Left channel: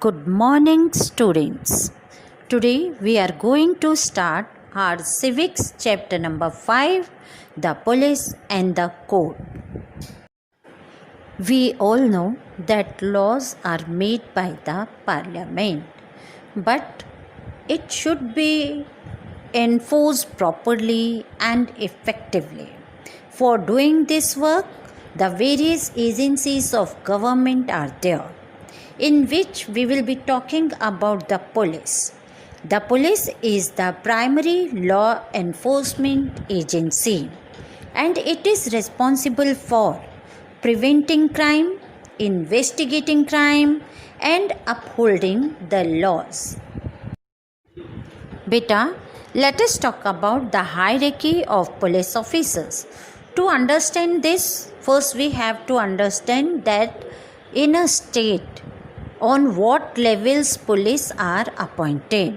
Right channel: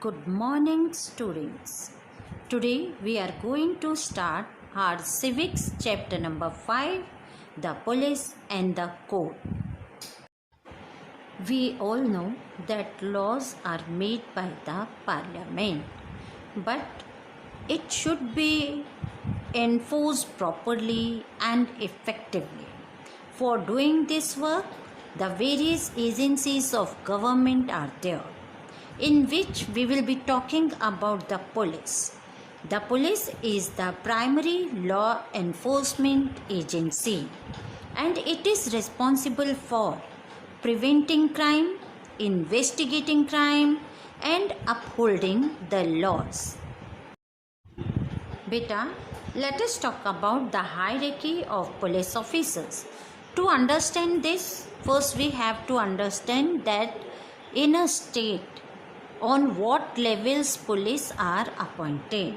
Good morning, students. Today we are going to start our civics chapter number 5, the police and the code. We all know that laws are made by the parliament, but it should be enforced properly and effectively. For doing this work, the various agencies of government are there, in which we will be talking about the police. The police is the primary law enforcement agency and it is responsible for preventing crime, investigating crime, and upholding the laws. Beta, let us talk about the hierarchy of police officers. To understand this, first we have to understand that in a state, on what levels police are appointed.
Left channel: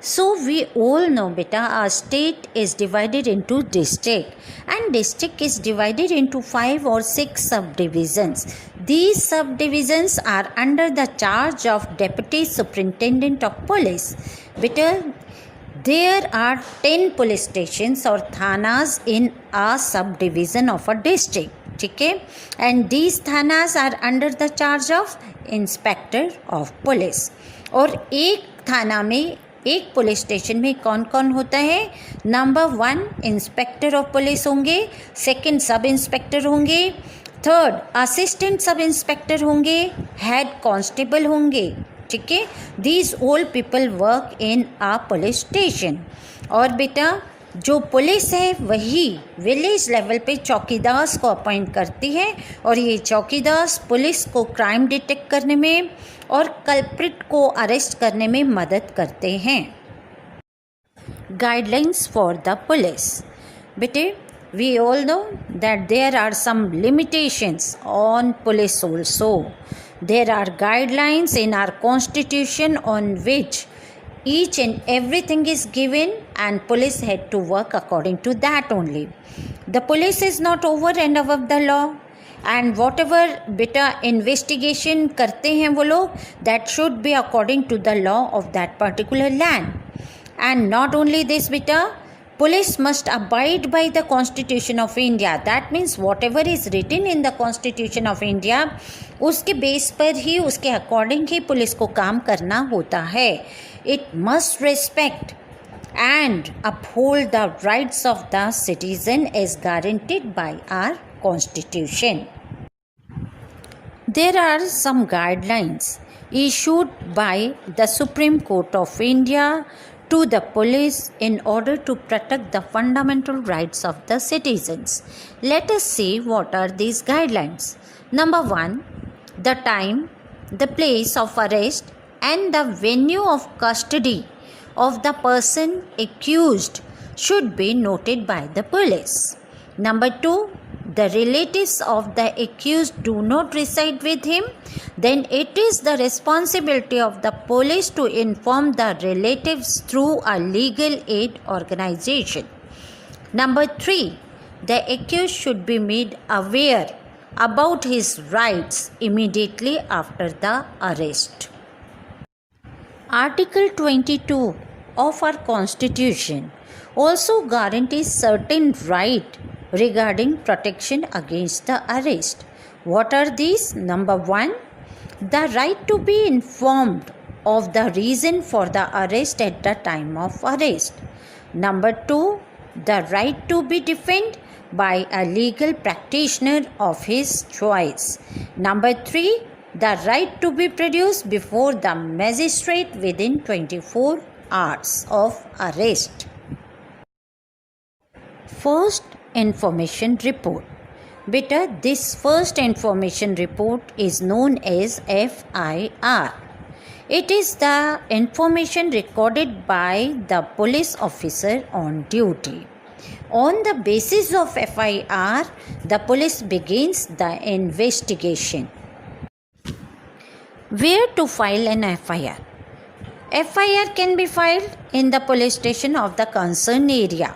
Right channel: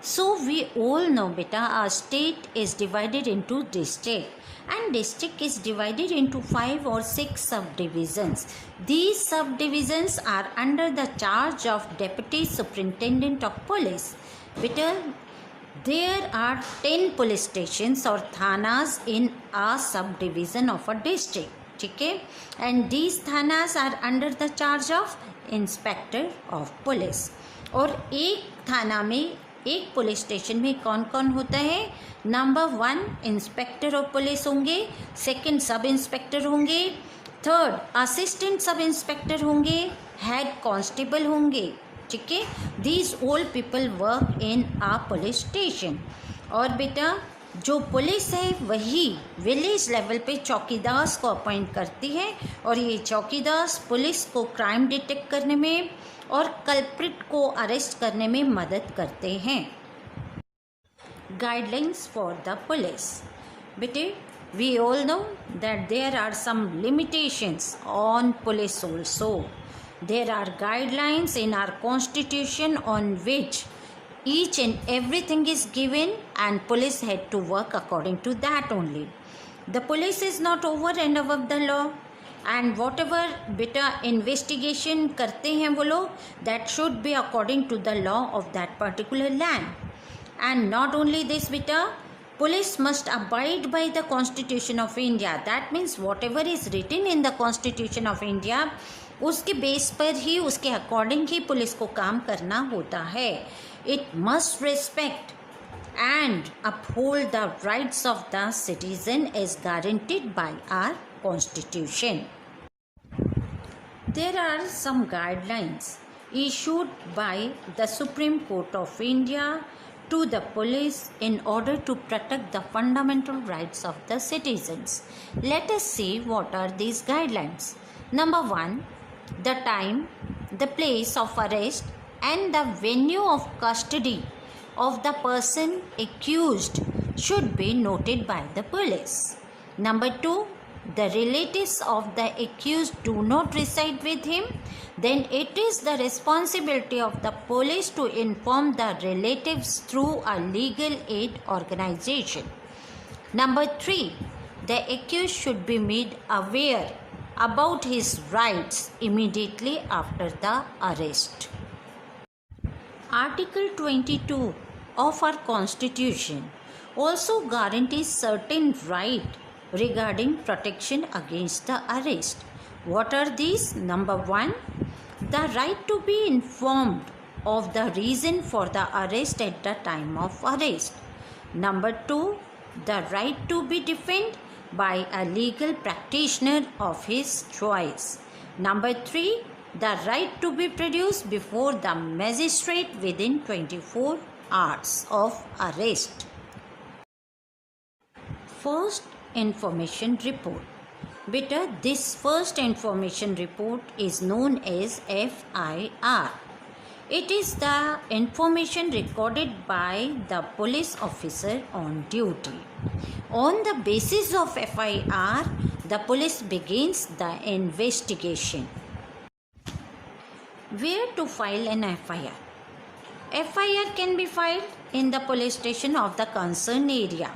So we all know beta, our state is divided into district and district is divided into 5 or 6 subdivisions. These subdivisions are under the charge of Deputy Superintendent of Police. Beta, there are 10 police stations or thanas in a subdivision of a district. Okay? And these thanas are under the charge of inspector of police. और एक थाना में, एक police station में कौन कौन होता है? नंबर 1 इंस्पेक्टर ऑफ पुलिस होंगे, सेकंड सब इंस्पेक्टर होंगे, थर्ड असिस्टेंट सब इंस्पेक्टर होंगे, हेड कांस्टेबल होंगे. ठीक है, these all people work in a police station. और बेटा, जो पुलिस है वही विलेज लेवल पे चौकीदार को अपॉइंट करती है और ये चौकीदार पुलिस को क्राइम डिटेक्ट करने में और कल्प्रिट को अरेस्ट करने में मदद करते हैं. Guidelines for the police. बेटे, we all know that there are some limitations on police also. There are guidelines in our constitution on which each and everything is given and police had to work according to that only. The police is not over and above the law and whatever beta investigation करते हैं वो लोग, that should be according to the law of that particular land. And not only this beta, police must abide by the Constitution of India. That means whatever is written in the Constitution of India, उसके base पर ही, उसके according ही police को काम करना होता है. It must respect and uphold the rights of the citizen as guaranteed by our Constitution. There are some guidelines issued by the Supreme Court of India to the police in order to protect the fundamental rights of the citizens. Let us see what are these guidelines. Number 1, the time, the place of arrest and the venue of custody of the person accused should be noted by the police. Number 2, the relatives of the accused do not reside with him, then it is the responsibility of the police to inform the relatives through a legal aid organization. Number 3, the accused should be made aware about his rights immediately after the arrest. Article 22 of our Constitution also guarantees certain rights regarding protection against the arrest. What are these? Number 1, the right to be informed of the reason for the arrest at the time of arrest. Number 2, the right to be defended by a legal practitioner of his choice. Number 3, the right to be produced before the magistrate within 24 hours of arrest. First information report. Beta, this first information report is known as FIR. It is the information recorded by the police officer on duty. On the basis of FIR, the police begins the investigation. Where to file an FIR? FIR can be filed in the police station of the concerned area,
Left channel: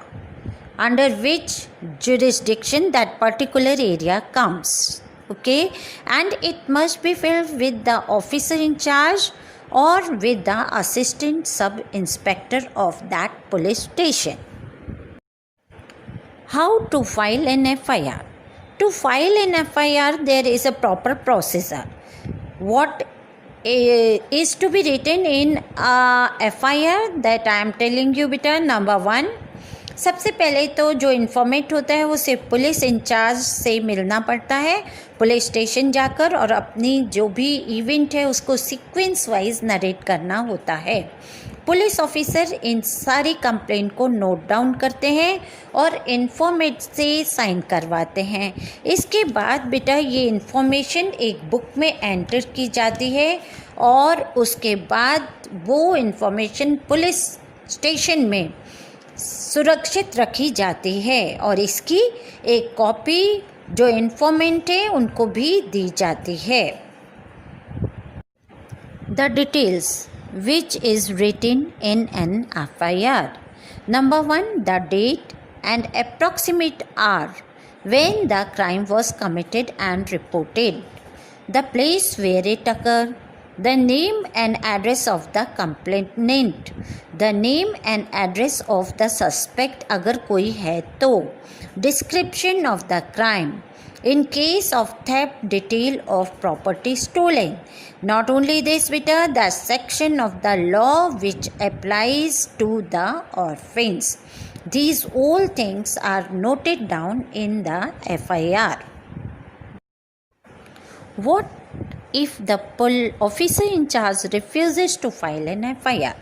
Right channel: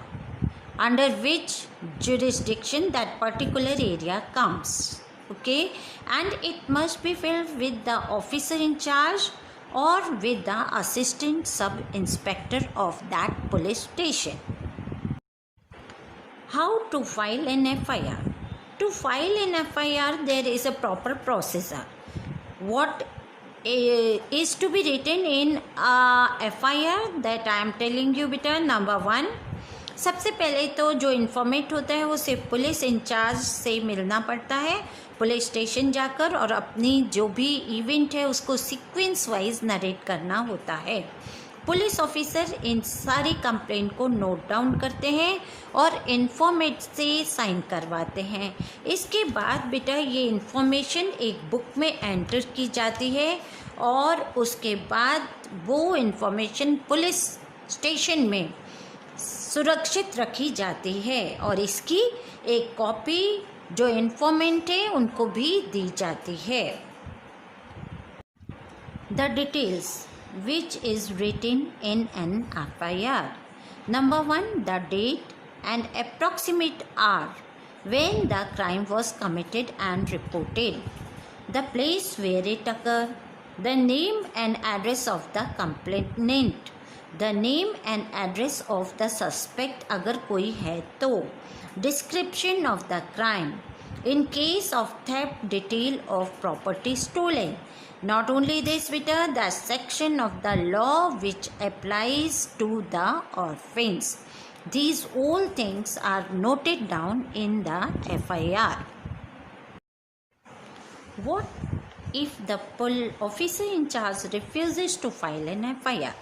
under which jurisdiction that particular area comes. Okay, and it must be filled with the officer in charge or with the assistant sub inspector of that police station. How to file an FIR? To file an FIR, there is a proper procedure. What is to be written in FIR that I am telling you बेटा. Number 1, सबसे पहले तो जो इन्फॉर्मेट होता है वो सिर्फ police incharge से मिलना पड़ता है पुलिस स्टेशन जाकर, और अपनी जो भी इवेंट है उसको सीक्वेंस वाइज नरेट करना होता है. पुलिस ऑफिसर इन सारी कंप्लेंट को नोट डाउन करते हैं और इन्फॉर्मेट से साइन करवाते हैं. इसके बाद बेटा ये इन्फॉर्मेशन एक बुक में एंटर की जाती है और उसके बाद वो इन्फॉर्मेशन पुलिस स्टेशन में सुरक्षित रखी जाती है और इसकी एक कॉपी जो इन्फॉर्मेंट है उनको भी दी जाती है. The details which is written in an FIR. Number 1, the date and approximate hour when the crime was committed and reported, the place where it occurred, the name and address of the complainant, the name and address of the suspect अगर कोई है तो, description of the crime, in case of theft, detail of property stolen. Not only this, beta, the section of the law which applies to the offence. These all things are noted down in the FIR. What if the officer in charge refuses to file an FIR?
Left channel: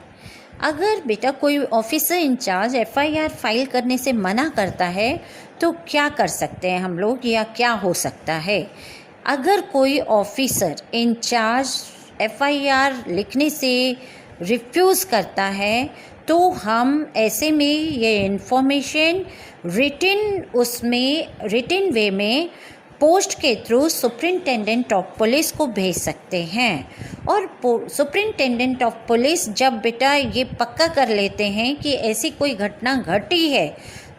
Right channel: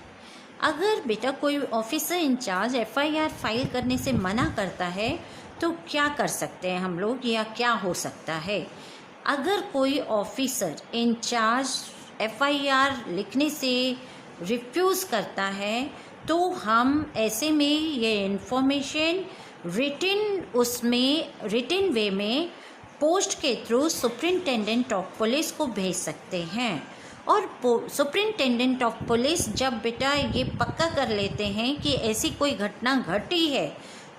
अगर बेटा कोई officer in charge FIR file करने से मना करता है तो क्या कर सकते हैं हम लोग, या क्या हो सकता है? अगर कोई ऑफिसर इंचार्ज FIR लिखने से रिफ्यूज़ करता है तो हम ऐसे में ये इन्फॉर्मेशन रिटन वे में पोस्ट के थ्रू सुपरिंटेंडेंट ऑफ पुलिस को भेज सकते हैं. और सुपरिंटेंडेंट ऑफ पुलिस जब बेटा ये पक्का कर लेते हैं कि ऐसी कोई घटना घटी है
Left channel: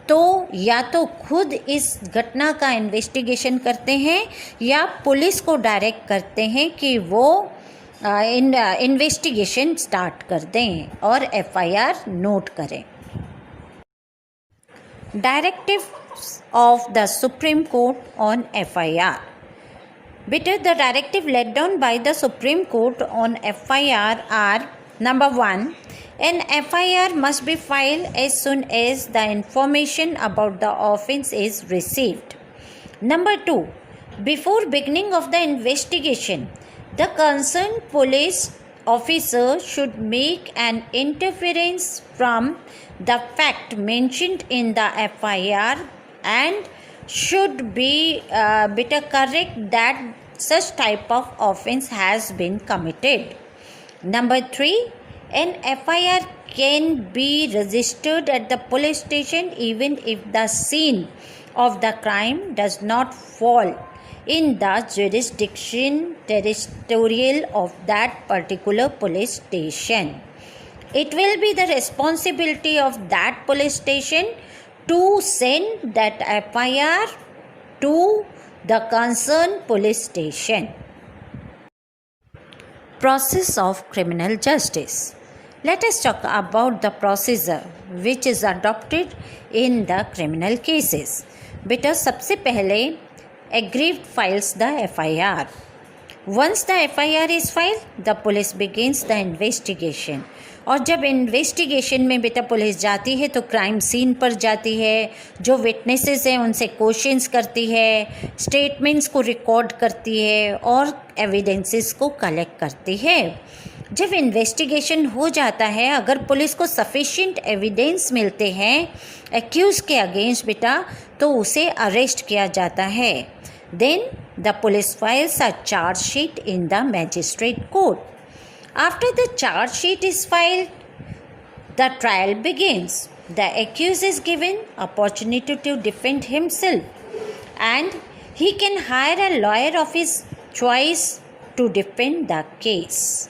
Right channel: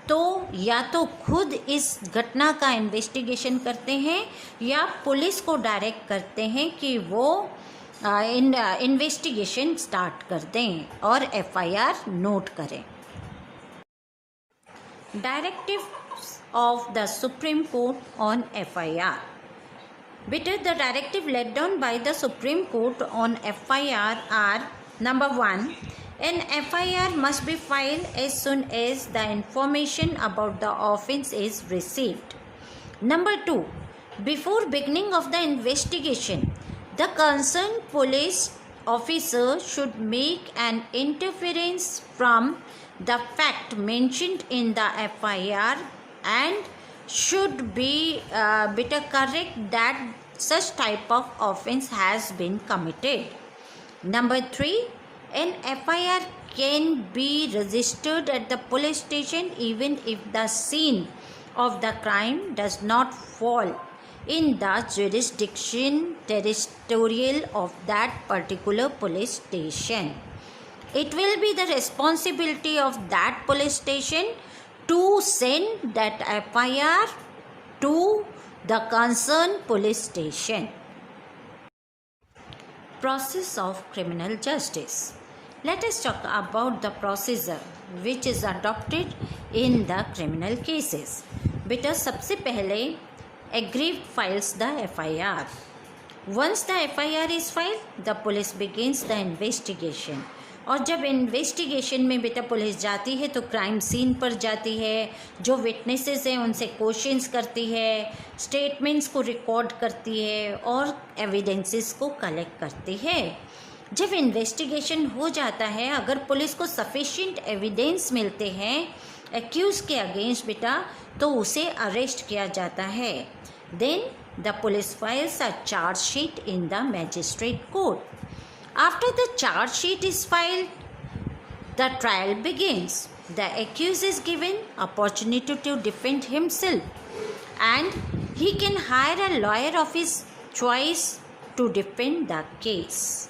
तो या तो खुद इस घटना का इन्वेस्टिगेशन करते हैं या पुलिस को डायरेक्ट करते हैं कि वो इन्वेस्टिगेशन स्टार्ट कर दें और FIR नोट करें. Directive of the supreme court on FIR. Better, the directive laid down by the Supreme Court on FIR are: number 1, an FIR must be filed as soon as the information about the offence is received. Number 2, before beginning of the investigation, the concerned police officer should make an interference from the fact mentioned in the FIR and should be better correct that such type of offence has been committed. Number 3, an FIR can be registered at the police station even if the scene of the crime does not fall in the jurisdiction territorial of that particular police station. It will be the responsibility of that police station to send that FIR to the concerned police station. Process of criminal justice. Let us talk about the procedure which is adopted in the criminal cases. बेटा सबसे पहले aggrieved files the FIR. Once the FIR is filed, the police begins the investigation. और जब investigation में बेटा police जाती है तो क्राइम सीन पर जाती है, जो विटनेसेस हैं उनसे क्वेश्चंस करती है, स्टेटमेंट्स को रिकॉर्ड करती है और एविडेंसेस को कलेक्ट करती है. जब इन्वेस्टिगेशन हो जाता है, अगर पुलिस को सफिशिएंट एविडेंस मिलते हैं एक्यूज के अगेंस्ट बेटा तो उसे अरेस्ट किया जाता है. Then the police files a charge sheet in the magistrate court. After the charge sheet is filed, the trial begins. The accused is given opportunity to defend himself and he can hire a lawyer of his choice to defend the case.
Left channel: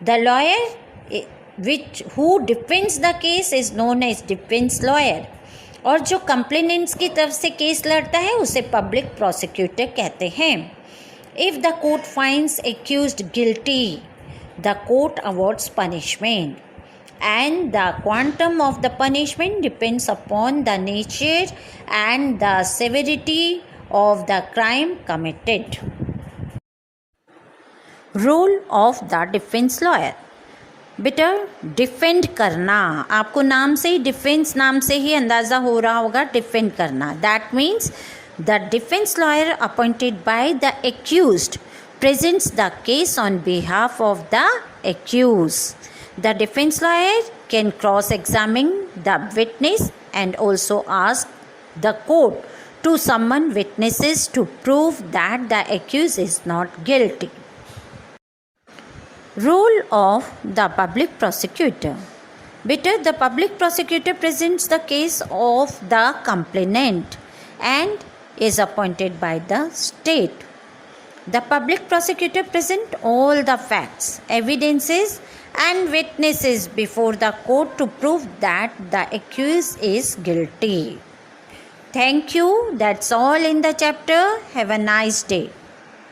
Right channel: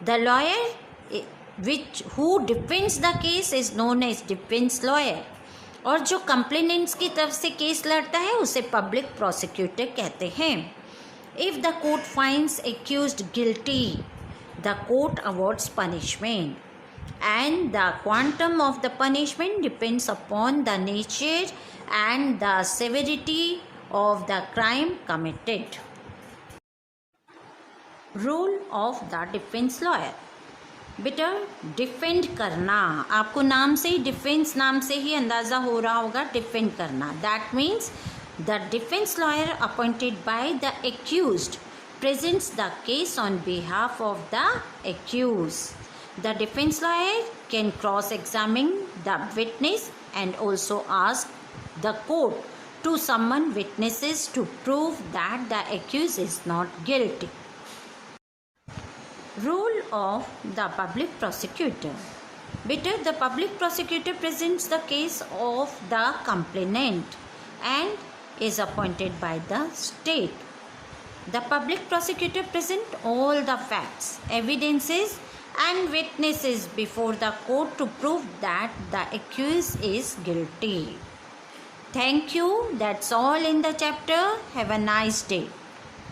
The lawyer who defends the case is known as defense lawyer. और जो complainants की तरफ से case लड़ता है उसे public prosecutor कहते हैं. If the court finds accused guilty, the court awards punishment, and the quantum of the punishment depends upon the nature and the severity of the crime committed. Role of the defense lawyer. बेटा defend करना, आपको नाम से ही, defence नाम से ही अंदाज़ा हो रहा होगा, डिफेंड करना. That means the defence lawyer appointed by the accused presents the case on behalf of the accused. The defense lawyer can cross-examine the witness and also ask the court to summon witnesses to prove that the accused is not guilty. Role of the public prosecutor. Better, the public prosecutor presents the case of the complainant and is appointed by the state. The public prosecutor presents all the facts, evidences and witnesses before the court to prove that the accused is guilty. Thank you. That's all in the chapter. Have a nice day.